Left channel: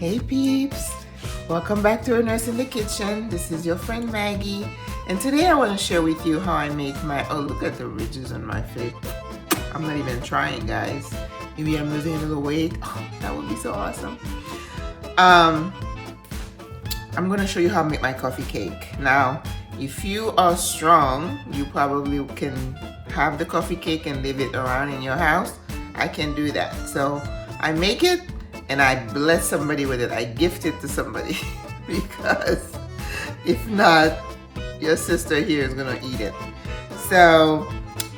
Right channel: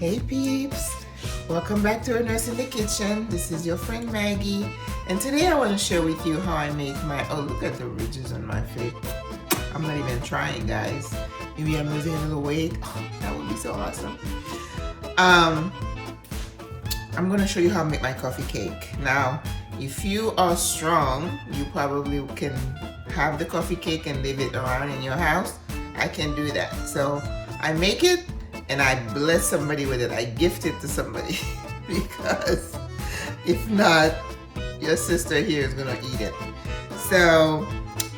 Hey peeps, welcome back to Our Nurse in the Kitchen. This is your friend Maggie, and today I want to share with you how I make my, oh look at the ridges on my face. I'm not even trying, guys. Maybe I'm losing a little weight. Oh, that would be so awesome. I'm going to show you how to make my coffee cake. Now, if you are strong, you probably can have the coffee cake and leave it around in your house. I can do that. So I make it and I bless somebody with it. I gift it to somebody because if not, your sister here is gonna eat it. So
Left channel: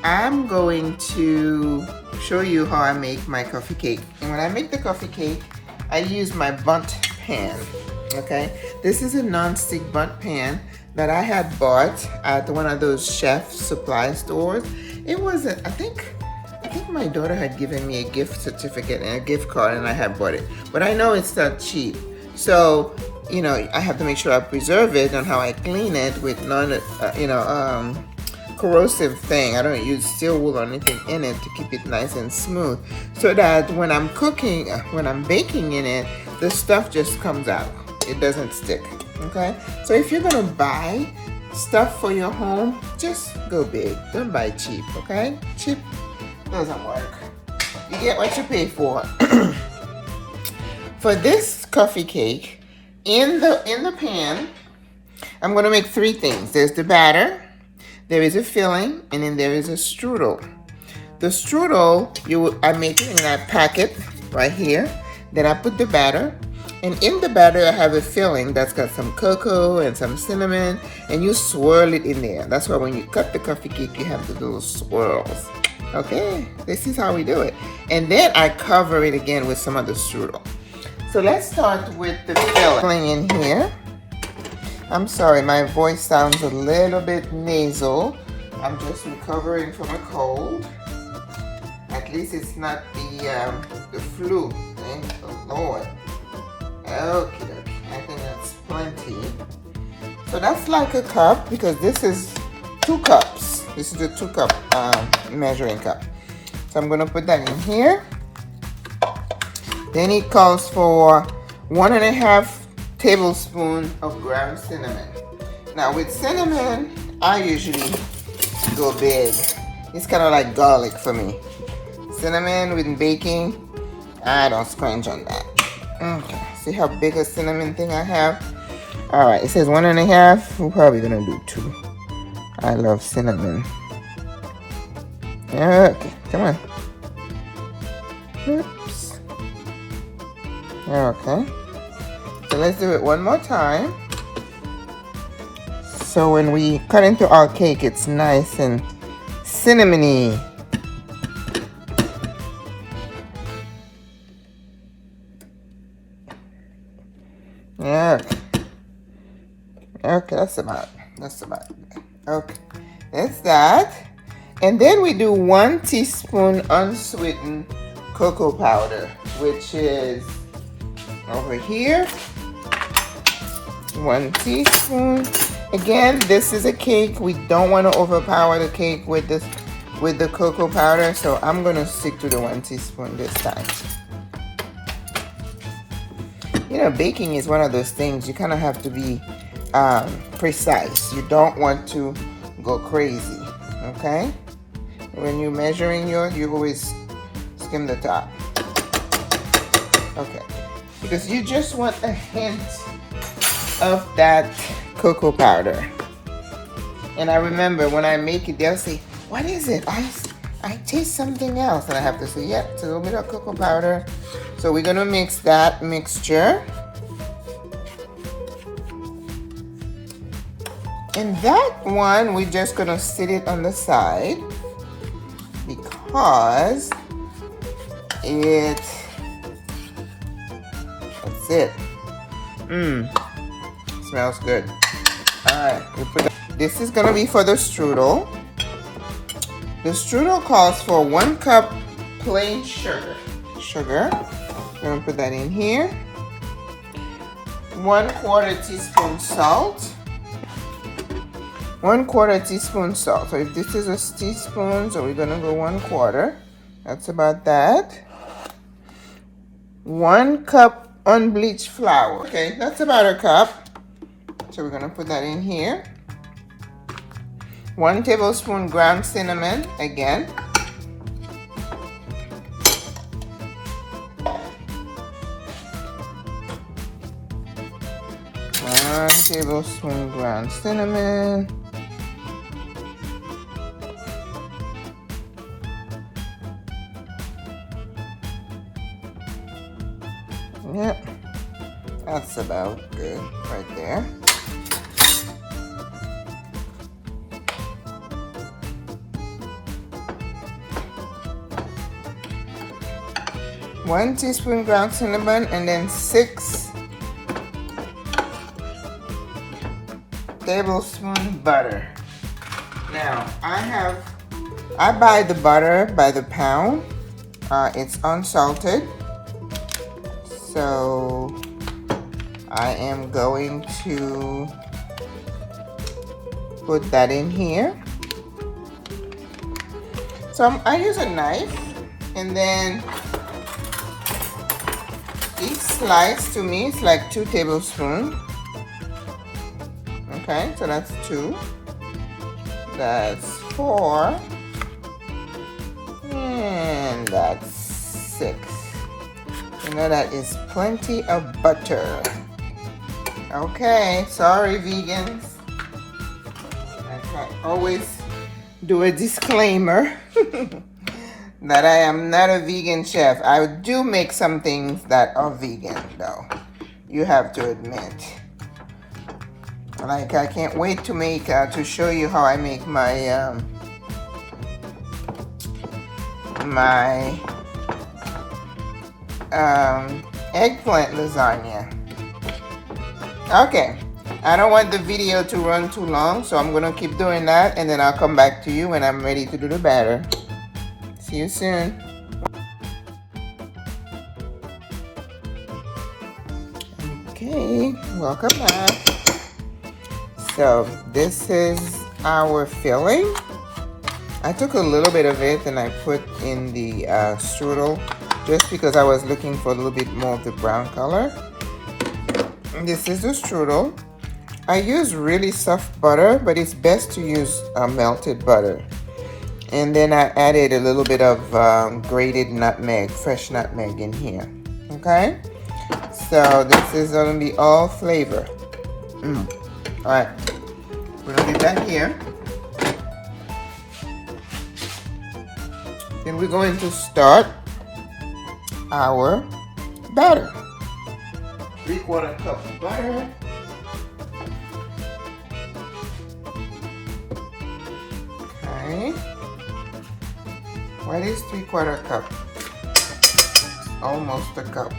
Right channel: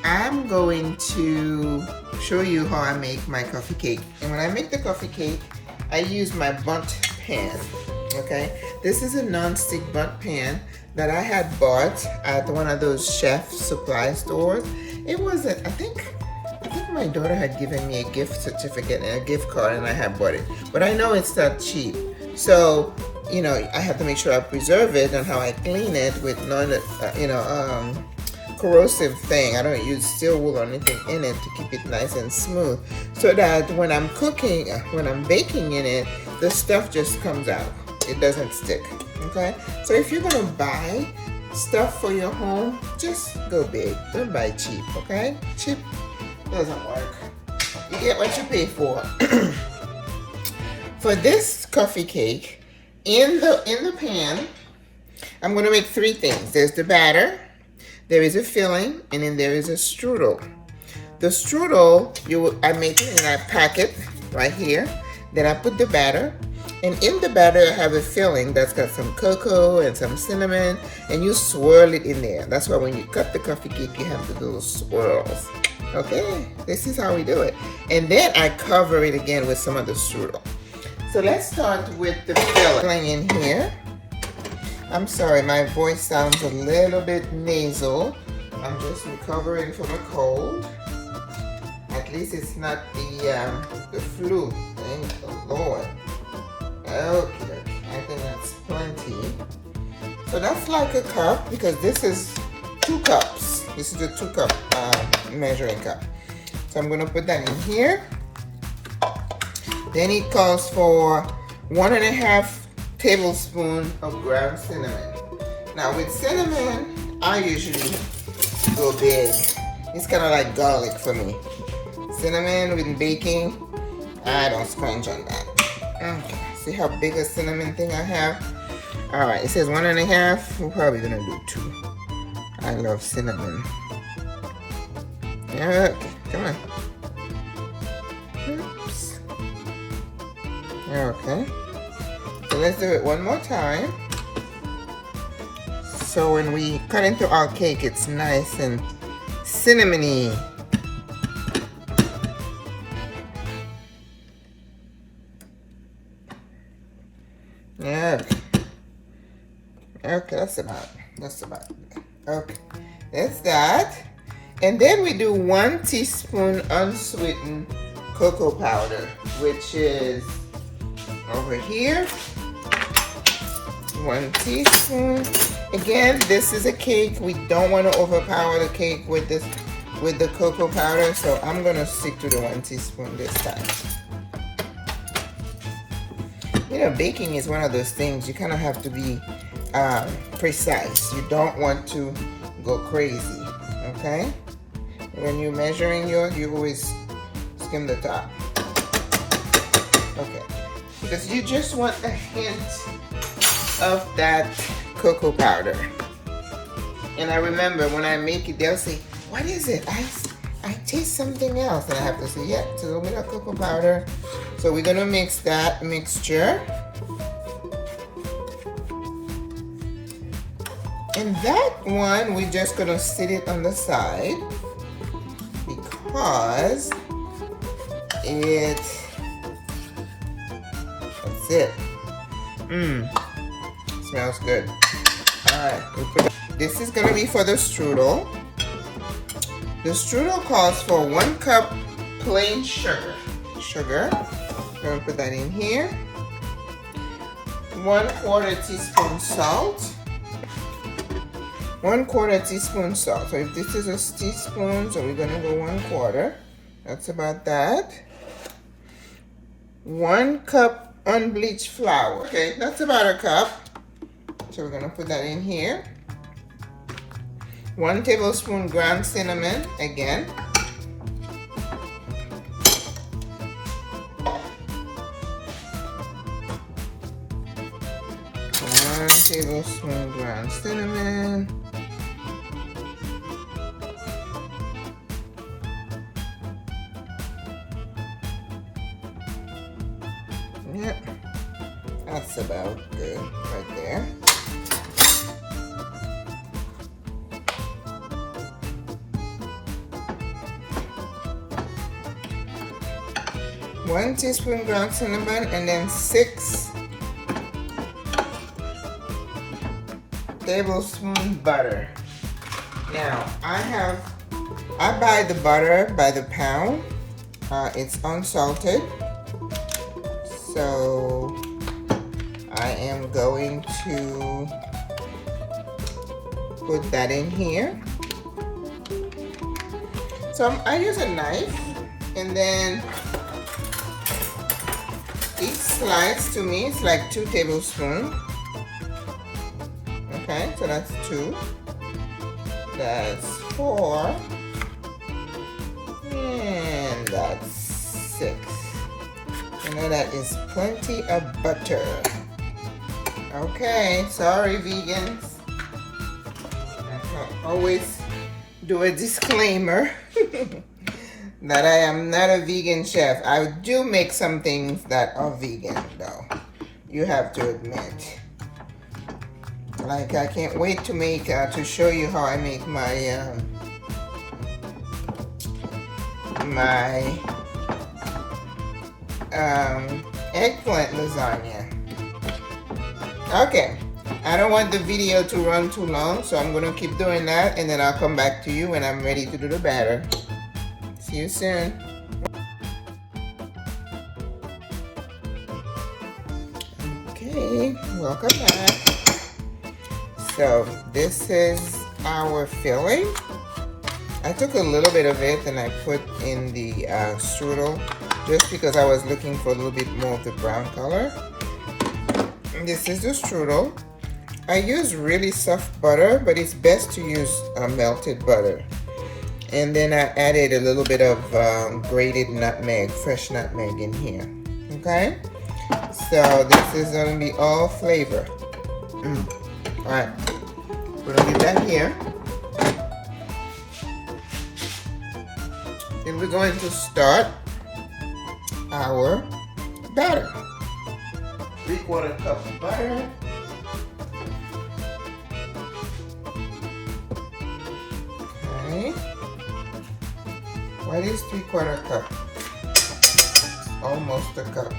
I'm going to show you how I make my coffee cake. And when I make the coffee cake, I use my bundt pan. Okay, this is a non-stick bundt pan that I had bought at one of those chef supply stores. It wasn't, I think my daughter had given me a gift certificate and a gift card and I had bought it. But I know it's not cheap. So, you know, I have to make sure I preserve it and how I clean it with corrosive thing. I don't use steel wool or anything in it to keep it nice and smooth. So that when I'm cooking, when I'm baking in it, the stuff just comes out. It doesn't stick, okay? So if you're gonna buy stuff for your home, just go big. Don't buy cheap, okay? Cheap doesn't work. You get what you pay for. For this coffee cake, in the pan, I'm gonna make three things. There's the batter, there is a filling, and then there is a strudel. The strudel, I make it and I pack it right here. Then I put the batter, and in the batter I have a filling that's got some cocoa and some cinnamon, and you swirl it in there. That's why when you cut the coffee cake, you have to do those swirls. Okay, this is how we do it. And then I cover it again with some of the strudel. So let's start with the filling in here. I'm sorry, my voice sounds a little bit nasal. I'm just recovering from a cold. At least it's not the flu. Thank the Lord. Okay, I think that's plenty. So that's like a cup because this is 2 cups. This is a 2-cup measuring cup. So I'm gonna put that in here. Then it calls for 1.5 tablespoons of ground cinnamon. Now with cinnamon, I usually go big. It's kind of like garlic for me. Cinnamon with baking, I don't scrunch on that. Okay, see how big a cinnamon thing I have? All right, it says 1.5. We're probably gonna do 2. I love cinnamon. Okay, come on. Oops. Okay. So let's do it one more time. So when we cut into our cake, it's nice and cinnamony. Yeah. Okay, that's about it. Okay, that's that. And then we do 1 teaspoon unsweetened cocoa powder, which is over here. 1 teaspoon. Again, this is a cake. We don't want to overpower the cake with the cocoa powder, so I'm gonna stick to the 1 teaspoon this time. You know, baking is one of those things you kind of have to be precise. You don't want to go crazy, okay? When you're measuring you always skim the top. Okay, because you just want a hint of that cocoa powder. And I remember when I make it, they'll say, what is it? I taste something else. And I have to say, yep, it's a little bit of cocoa powder. So we're gonna mix that mixture. And that one, we're just gonna sit it on the side because that's it. Smells good. All right, this is gonna be for the strudel. The strudel calls for 1 cup plain sugar. We're gonna put that in here. 1/4 teaspoon salt. 1/4 teaspoon salt. So if this is a teaspoon, so we're gonna go 1/4. That's about that. 1 cup unbleached flour. Okay, that's about a cup. So we're gonna put that in here. 1 tablespoon ground cinnamon again. 1 tablespoon ground cinnamon. Yep, that's about good right there. One teaspoon ground cinnamon, and then 6 tablespoon butter. Now I buy the butter by the pound. It's unsalted. So I am going to put that in here. So I use a knife, and then each slice to me is like 2 tablespoons. Okay, so that's 2. That's 4. And that's 6. You know, that is plenty of butter. Okay, sorry vegans. I always do a disclaimer that I am not a vegan chef. I do make some things that are vegan though. You have to admit. Like I can't wait to make to show you how I make my eggplant lasagna. Okay, I don't want the video to run too long, so I'm gonna keep doing that, and then I'll come back to you when I'm ready to do the batter. See you soon. Okay, welcome back. So this is our filling. I took a little bit of it and I put in the strudel just because I was looking for a little bit more of the brown color. And this is the strudel. I use really soft butter, but it's best to use melted butter. And then I added a little bit of grated nutmeg, fresh nutmeg in here. Okay? So this is going to be all flavor. All right. We're going to leave that here. And we're going to start our batter. 3/4 cup of butter. Okay. What is 3/4 cup? Almost a cup.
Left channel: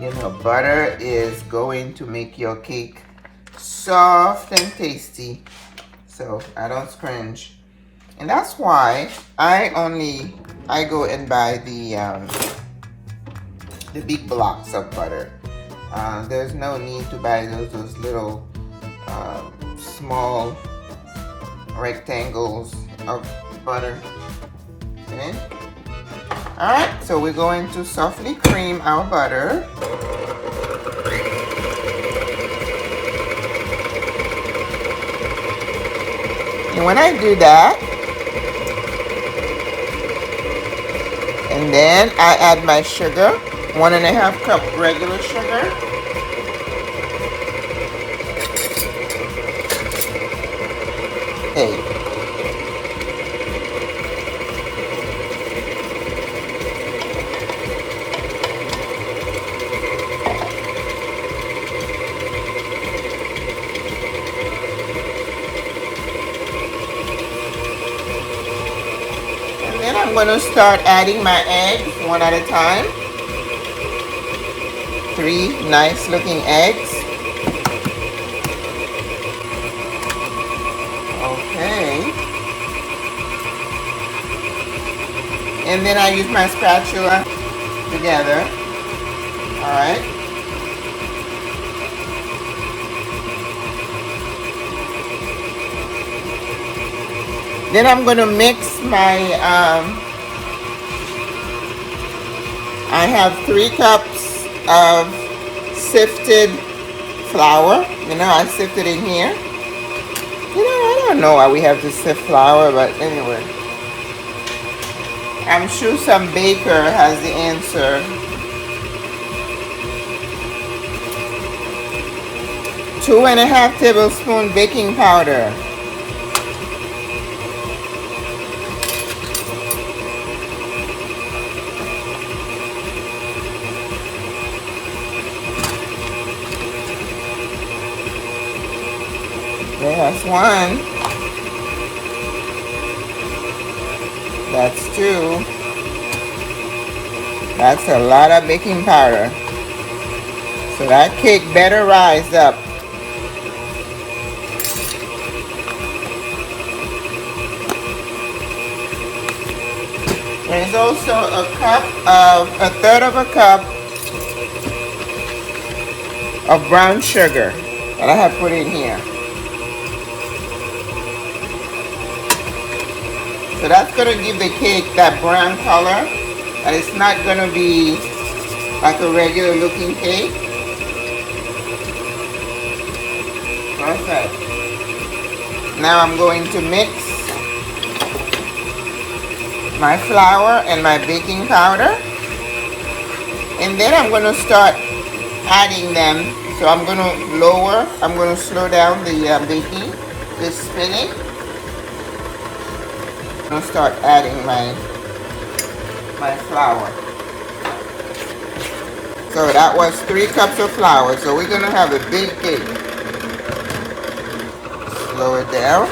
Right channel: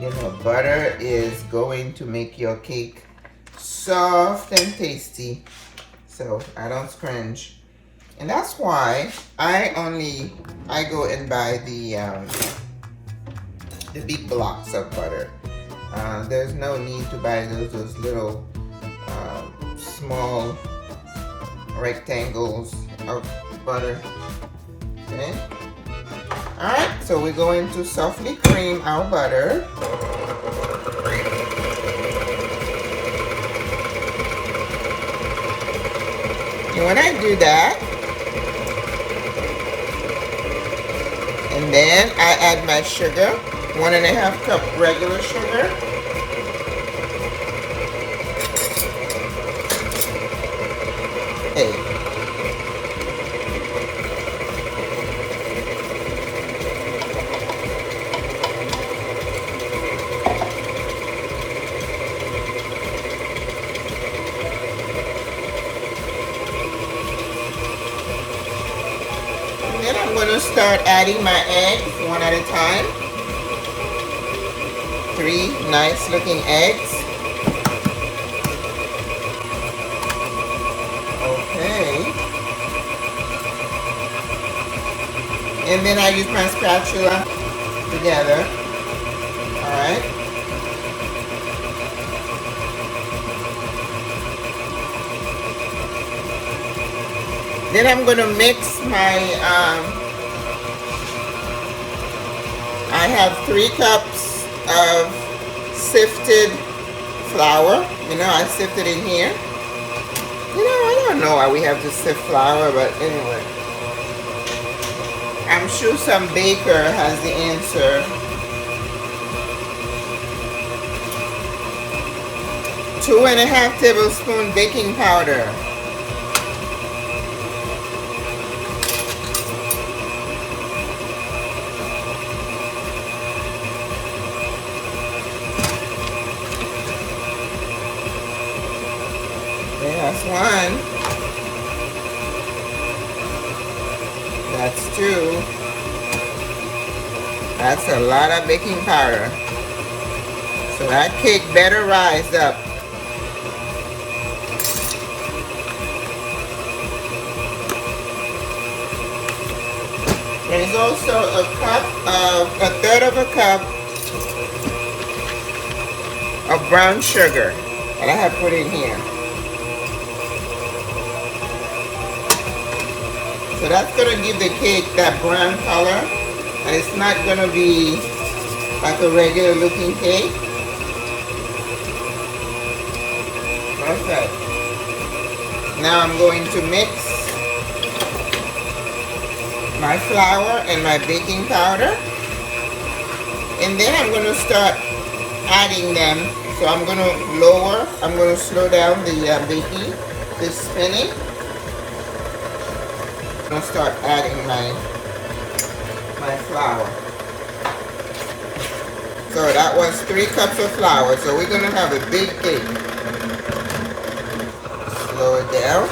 You know, butter is going to make your cake soft and tasty. So I don't scrunch. And that's why I go and buy the big blocks of butter. There's no need to buy those little small rectangles of butter. Okay. All right, so we're going to softly cream our butter. And when I do that, and then I add my sugar, 1.5 cup regular sugar. Okay. Then I'm going to start adding my eggs one at a time. 3 nice looking eggs. Okay. And then I use my spatula together. Alright. Then I'm going to mix my I have 3 cups of sifted flour. You know, I sifted in here. You know, I don't know why we have to sift flour, but anyway. I'm sure some baker has the answer. 2½ tablespoon baking powder. That's 1. That's 2. That's a lot of baking powder. So that cake better rise up. There's also a 1/3 of a cup of brown sugar that I have put in here. So that's going to give the cake that brown color, and it's not going to be like a regular looking cake. Perfect. Now I'm going to mix my flour and my baking powder, and then I'm going to start adding them. So I'm going to slow down the baking, the spinning. I'm going to start adding my flour. So that was 3 cups of flour. So we're going to have a big cake. Slow it down.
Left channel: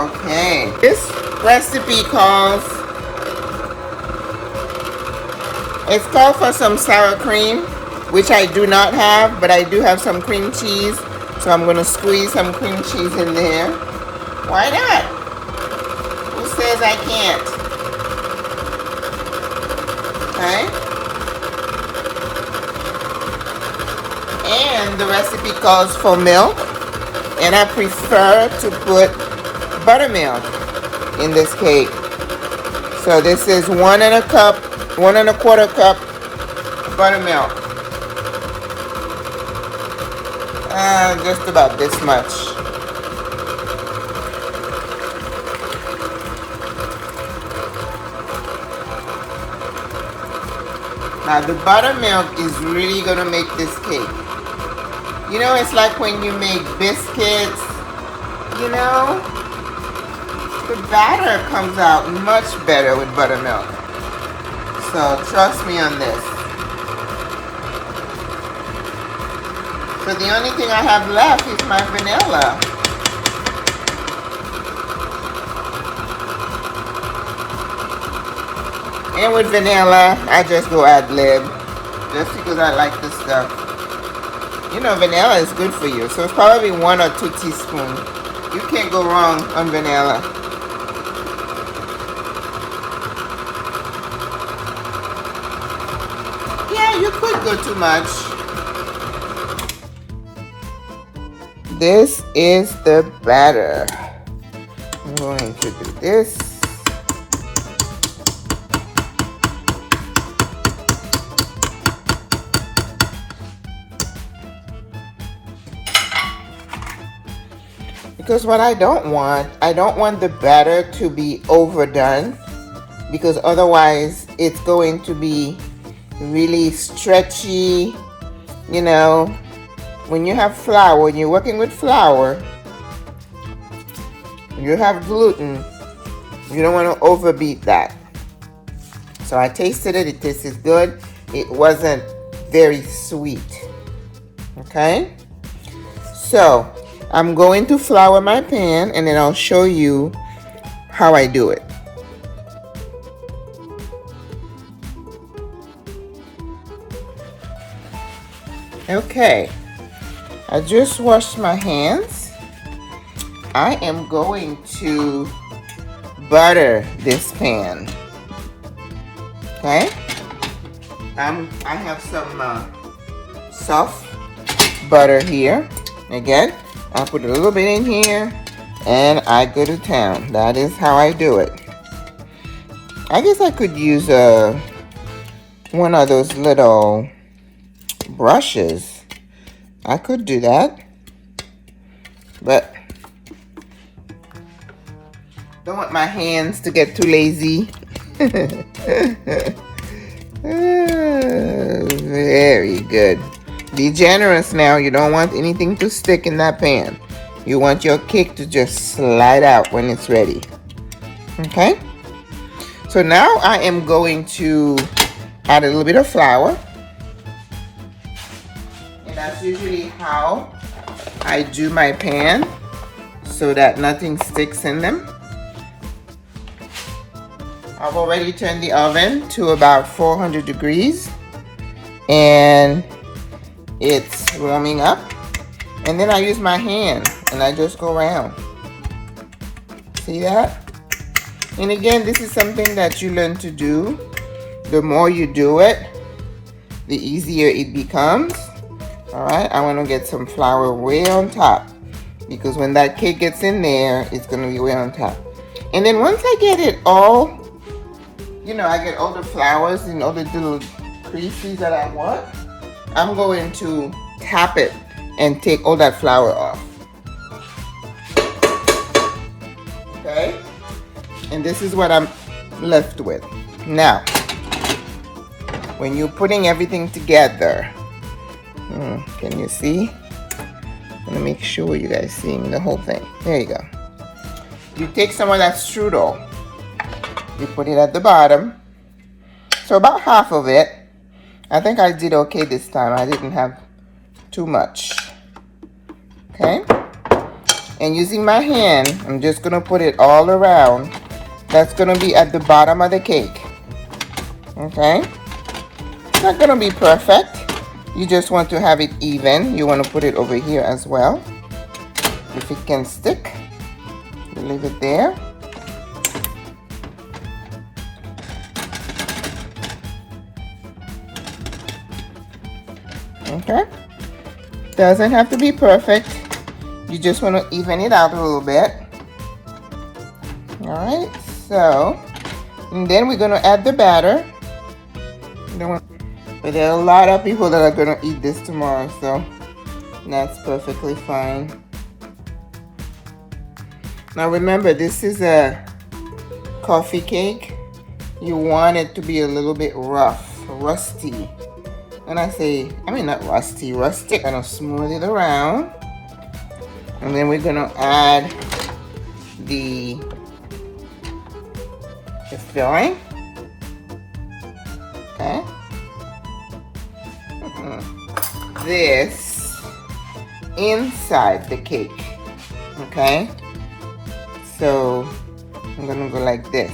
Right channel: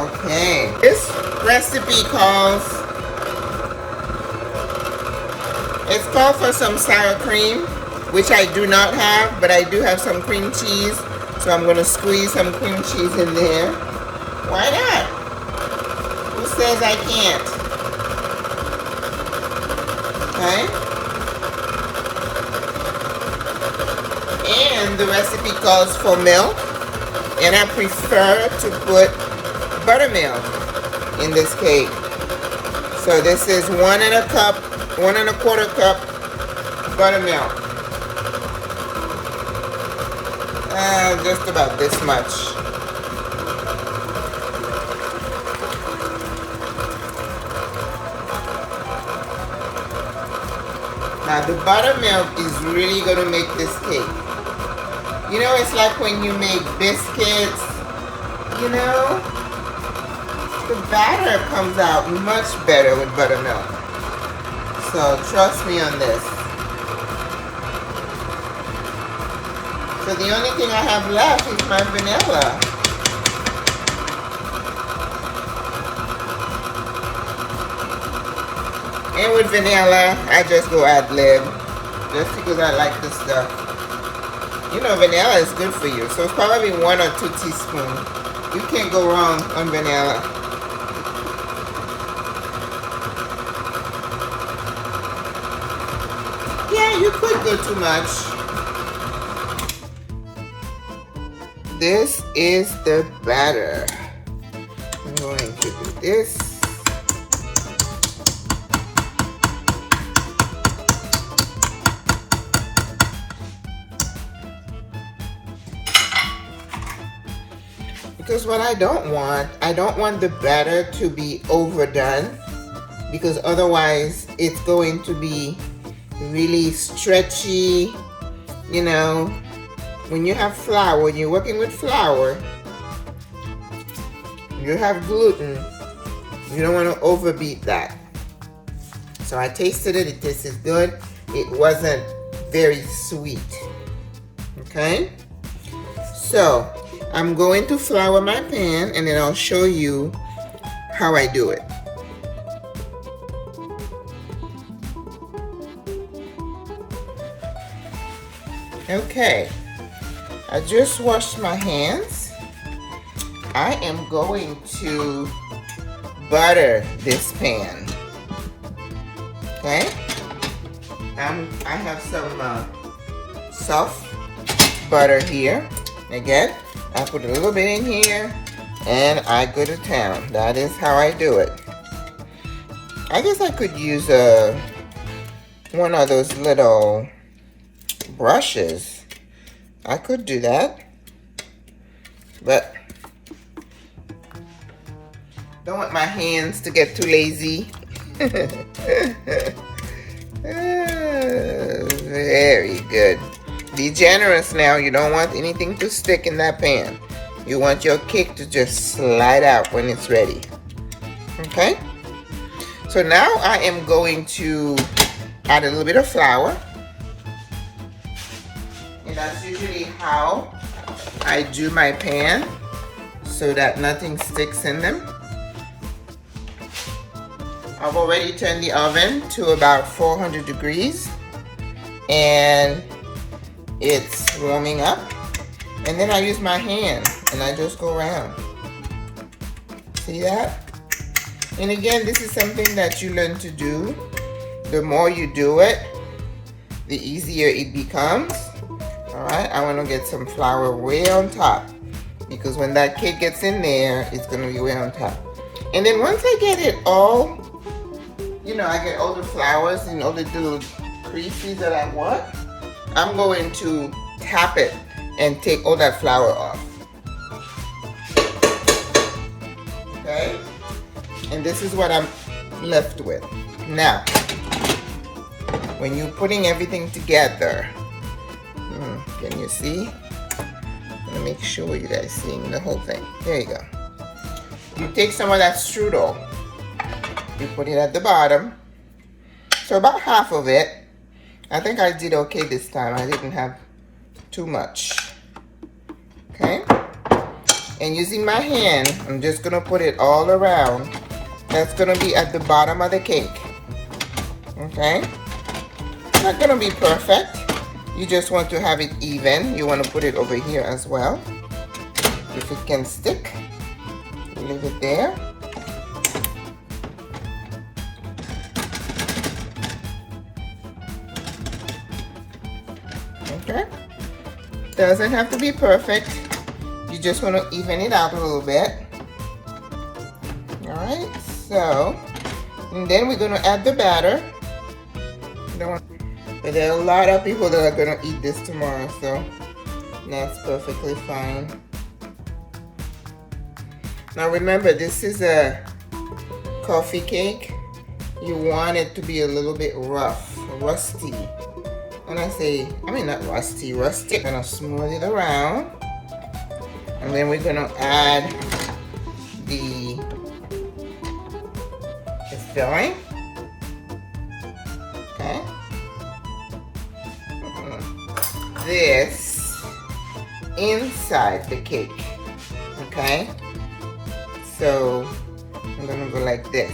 Okay. This recipe calls for some sour cream, which I do not have, but I do have some cream cheese, so I'm going to squeeze some cream cheese in there. Why not? Who says I can't? Okay? And the recipe calls for milk, and I prefer to put buttermilk in this cake. So this is 1¼ cup buttermilk. Just about this much. Now the buttermilk is really going to make this cake. You know, it's like when you make biscuits, you know, the batter comes out much better with buttermilk. So trust me on this. So the only thing I have left is my vanilla. And with vanilla, I just go ad lib, just because I like this stuff. You know, vanilla is good for you, so it's probably 1 or 2 teaspoons. You can't go wrong on vanilla. Yeah, you could go too much. This is the batter. I'm going to do this. Because what I don't want the batter to be overdone, because otherwise it's going to be really stretchy. You know, when you have flour, when you're working with flour, you have gluten, you don't want to overbeat that. So I tasted it, it tasted good. It wasn't very sweet. Okay? So I'm going to flour my pan, and then I'll show you how I do it. Okay, I just washed my hands. I am going to butter this pan. Okay, I have some soft butter here. Again, I put a little bit in here and I go to town. That is how I do it. I guess I could use one of those little brushes. I could do that, but don't want my hands to get too lazy. Very good. Be generous now. You don't want anything to stick in that pan. You want your cake to just slide out when it's ready. Okay? So now I am going to add a little bit of flour. And that's usually how I do my pan, so that nothing sticks in them. I've already turned the oven to about 400 degrees and it's warming up. And then I use my hand and I just go around. See that? And again, this is something that you learn to do. The more you do it, the easier it becomes. Alright, I want to get some flour way on top, because when that cake gets in there, it's going to be way on top. And then once I get it all, you know, I get all the flours and all the little creases that I want, I'm going to tap it and take all that flour off. Okay? And this is what I'm left with. Now, when you're putting everything together, can you see? I'm gonna make sure you guys seeing the whole thing. There you go. You take some of that strudel, you put it at the bottom. So about half of it. I think I did okay this time. I didn't have too much. Okay? And using my hand, I'm just gonna put it all around. That's gonna be at the bottom of the cake. Okay? It's not gonna be perfect. You just want to have it even. You want to put it over here as well. If it can stick, leave it there. Okay? Doesn't have to be perfect. You just want to even it out a little bit. Alright, so, and then we're going to add the batter. But there are a lot of people that are going to eat this tomorrow, so that's perfectly fine. Now remember, this is a coffee cake. You want it to be a little bit rough, rusty. When I say, I mean not rusty, rustic. I'm going to smooth it around. And then we're going to add the filling. Okay. This inside the cake. Okay. So I'm going to go like this.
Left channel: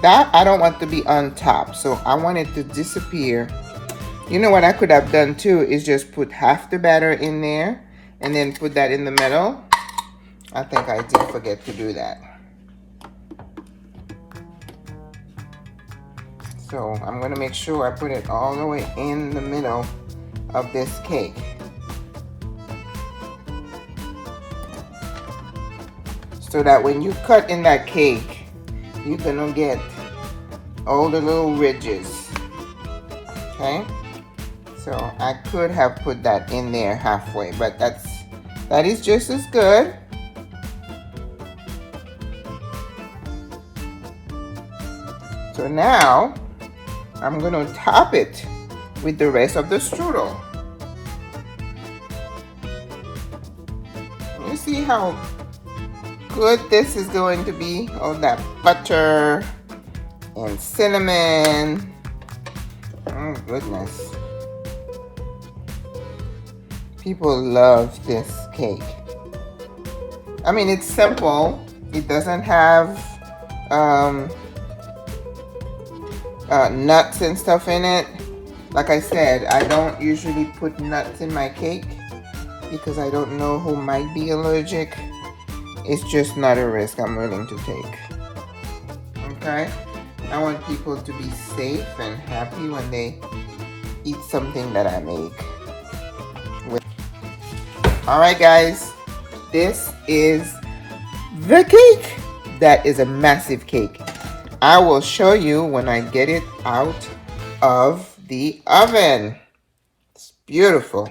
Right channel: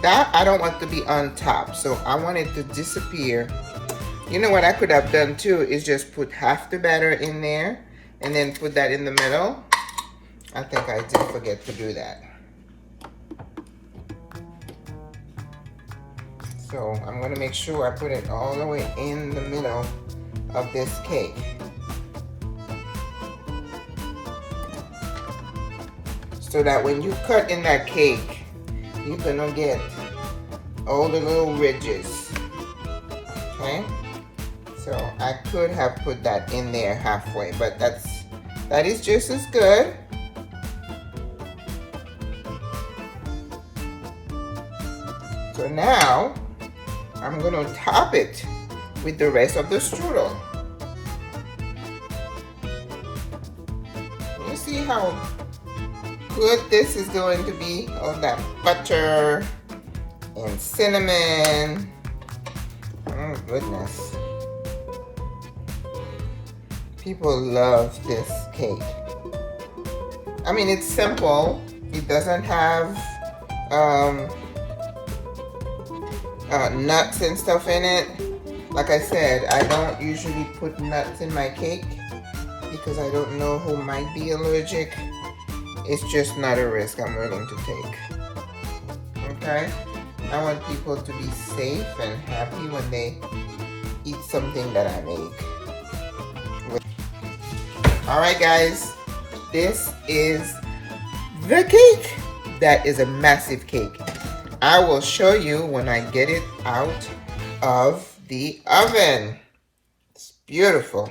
That I don't want to be on top, so I want it to disappear. You know what I could have done too is just put half the batter in there and then put that in the middle. I think I did forget to do that. So I'm going to make sure I put it all the way in the middle of this cake. So that when you cut in that cake, you're gonna get all the little ridges. Okay? So I could have put that in there halfway, but that is just as good. So now I'm gonna top it with the rest of the strudel. You see how good this is going to be? All that butter and cinnamon. Oh goodness. People love this cake. I mean, it's simple. It doesn't have nuts and stuff in it. Like I said, I don't usually put nuts in my cake because I don't know who might be allergic. It's just not a risk I'm willing to take. Okay? I want people to be safe and happy when they eat something that I make. Alright guys, this is the cake. That is a massive cake. I will show you when I get it out of the oven. It's beautiful.